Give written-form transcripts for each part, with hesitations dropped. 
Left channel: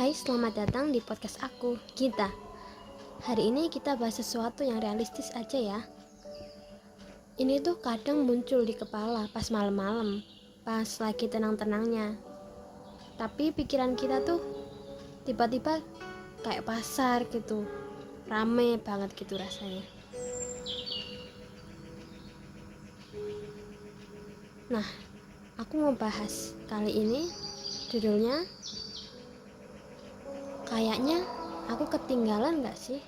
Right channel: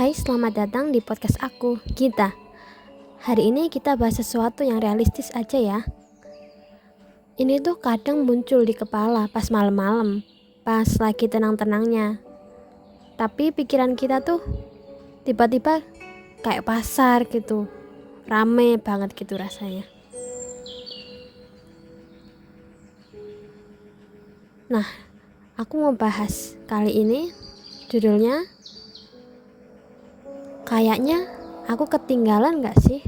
Hai, selamat datang di podcast aku, Gita. Hari ini kita bahas sesuatu yang realistis aja ya. Ini tuh kadang muncul di kepala pas malam-malam, pas lagi tenang-tenangnya. Tapi pikiran kita tuh tiba-tiba kayak pasar gitu, rame banget gitu rasanya. Nah, aku mau bahas kali ini judulnya kayaknya aku ketinggalan gak sih?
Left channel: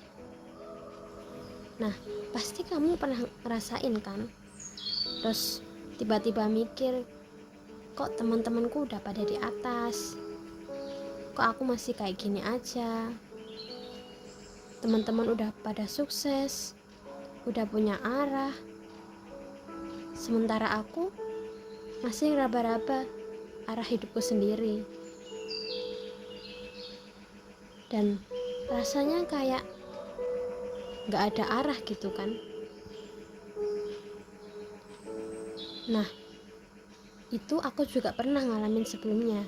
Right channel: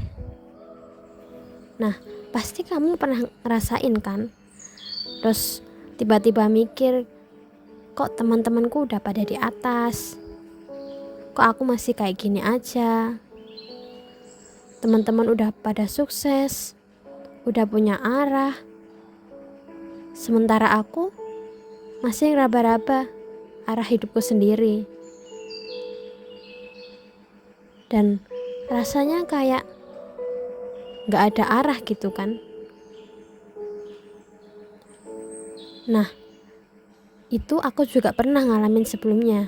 Nah, pasti kamu pernah ngerasain kan? Terus tiba-tiba mikir, kok teman-temanku udah pada di atas? Kok aku masih kayak gini aja? Teman-teman udah pada sukses, udah punya arah. Sementara aku masih ngeraba-raba arah hidupku sendiri. Dan rasanya kayak gak ada arah gitu kan. Nah, itu aku juga pernah ngalamin sebelumnya.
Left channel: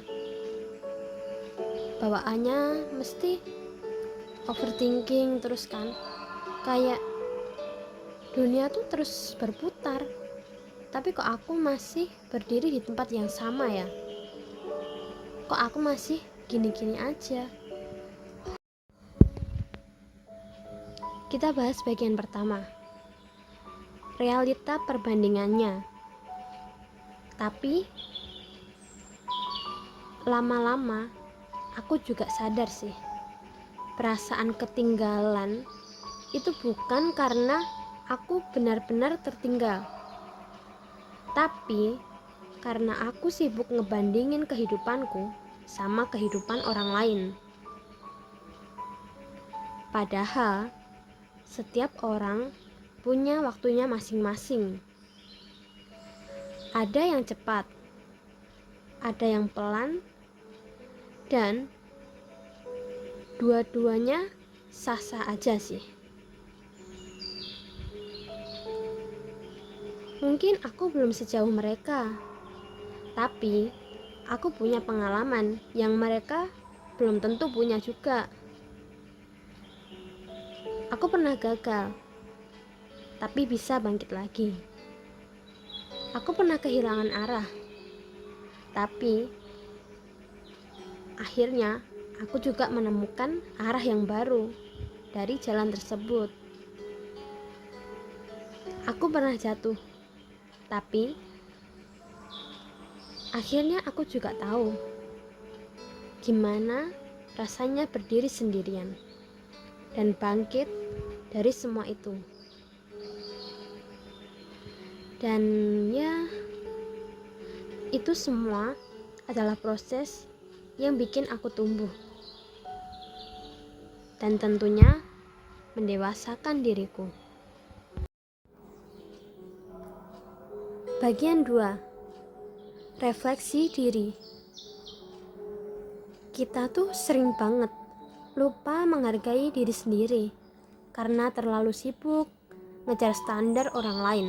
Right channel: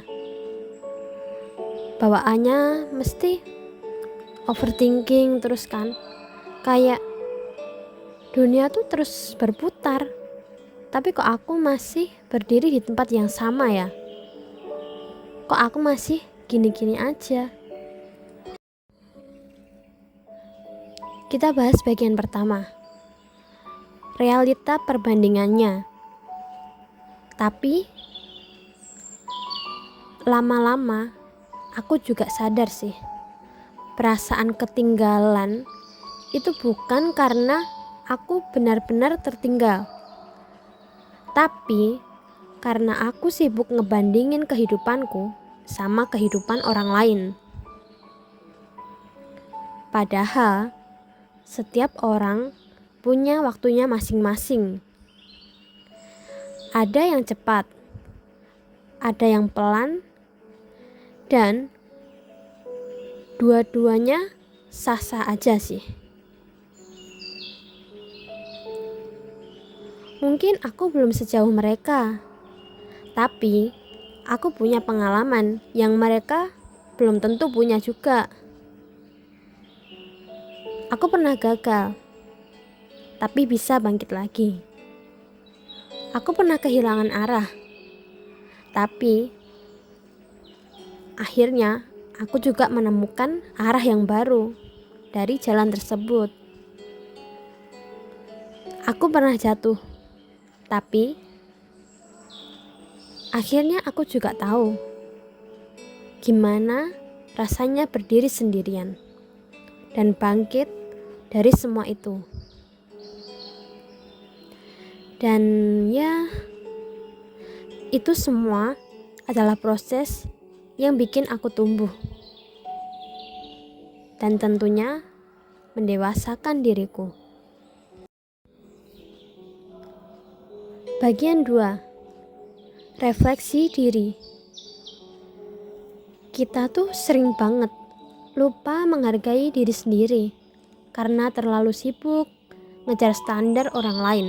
Bawaannya mesti overthinking terus kan. Kayak dunia tuh terus berputar. Tapi kok aku masih berdiri di tempat yang sama ya? Kok aku masih gini-gini aja? Kita bahas bagian pertama. Realita perbandingannya. Tapi lama-lama aku juga sadar sih, perasaan ketinggalan itu bukan karena aku benar-benar tertinggal, tapi karena aku sibuk ngebandingin kehidupanku sama kehidupan orang lain. Padahal setiap orang punya waktunya masing-masing. Ada yang cepat, ada yang pelan, dan dua-duanya sah-sah aja sih. Mungkin aku belum sejauh mereka, tapi aku punya pengalaman yang mereka belum tentu punya juga. Aku pernah gagal, tapi bisa bangkit lagi. Aku pernah kehilangan arah, tapi akhirnya aku juga menemukan arah yang baru dari jalan tersebut. Aku pernah jatuh, tapi akhirnya aku juga tahu gimana rasanya berdiri sendirian dan bangkit dari semua itu. Dan ya, itu semua adalah proses yang bikin aku tumbuh dan tentunya mendewasakan diriku. Bagian 2. Refleksi diri. Kita tuh sering banget lupa menghargai diri sendiri karena terlalu sibuk ngejar standar orang lain.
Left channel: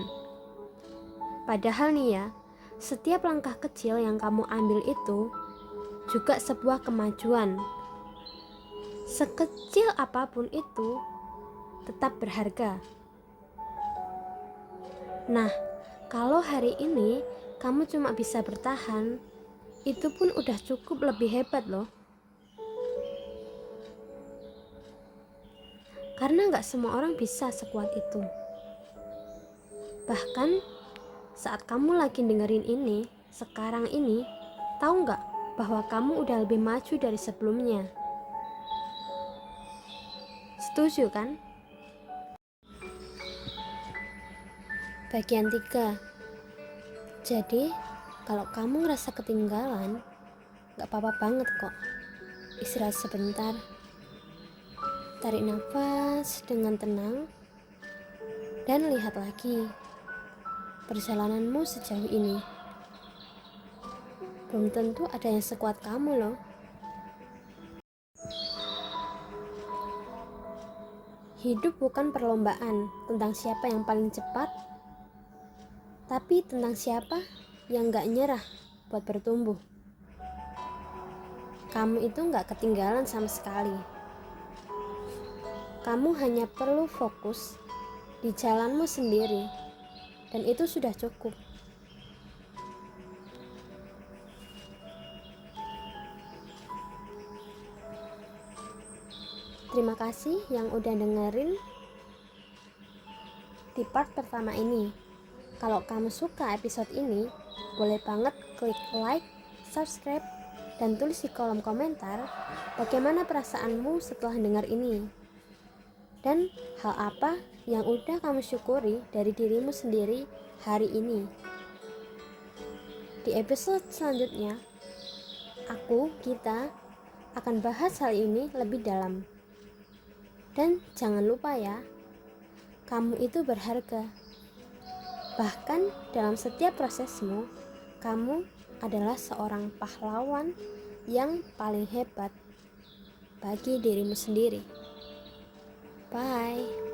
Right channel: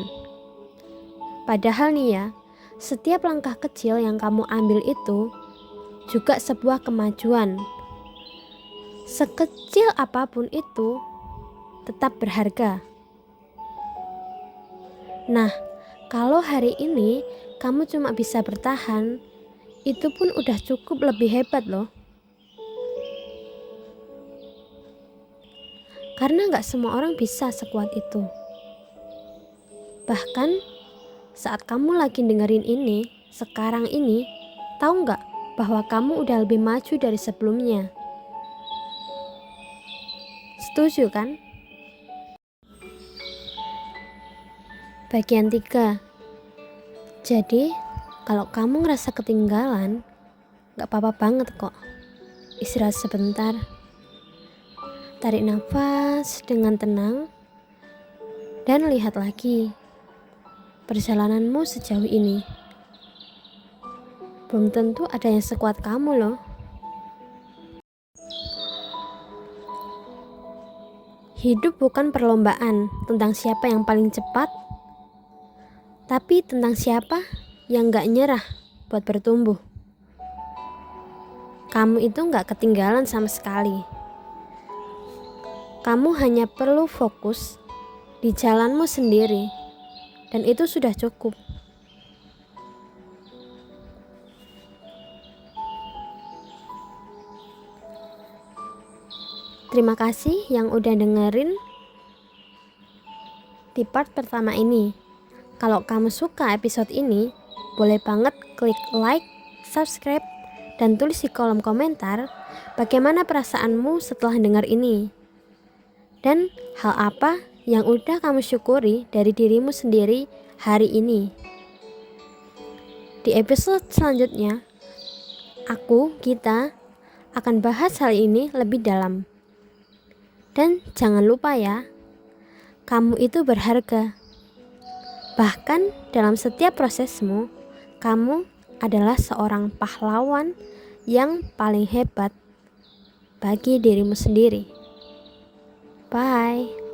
Padahal nih ya, setiap langkah kecil yang kamu ambil itu juga sebuah kemajuan. Sekecil apapun itu tetap berharga. Nah, kalau hari ini kamu cuma bisa bertahan, itu pun udah cukup lebih hebat loh. Karena gak semua orang bisa sekuat itu. Bahkan saat kamu lagi dengerin ini, sekarang ini, tahu gak bahwa kamu udah lebih maju dari sebelumnya? Setuju kan? Bagian 3. Jadi, kalau kamu ngerasa ketinggalan, gak apa-apa banget kok. Istirahat sebentar. Tarik nafas dengan tenang dan lihat lagi perjalananmu sejauh ini. Belum tentu ada yang sekuat kamu loh. Hidup bukan perlombaan tentang siapa yang paling cepat, tapi tentang siapa yang gak nyerah buat bertumbuh. Kamu itu gak ketinggalan sama sekali. Kamu hanya perlu fokus di jalanmu sendiri, dan itu sudah cukup. Terima kasih yang udah dengerin di part pertama ini. Kalau kamu suka episode ini, boleh banget klik like, subscribe, dan tulis di kolom komentar bagaimana perasaanmu setelah dengar ini. Dan hal apa yang udah kamu syukuri dari dirimu sendiri hari ini. Di episode selanjutnya, kita akan bahas hal ini lebih dalam. Dan jangan lupa ya, kamu itu berharga. Bahkan dalam setiap prosesmu, kamu adalah seorang pahlawan yang paling hebat bagi dirimu sendiri. Bye.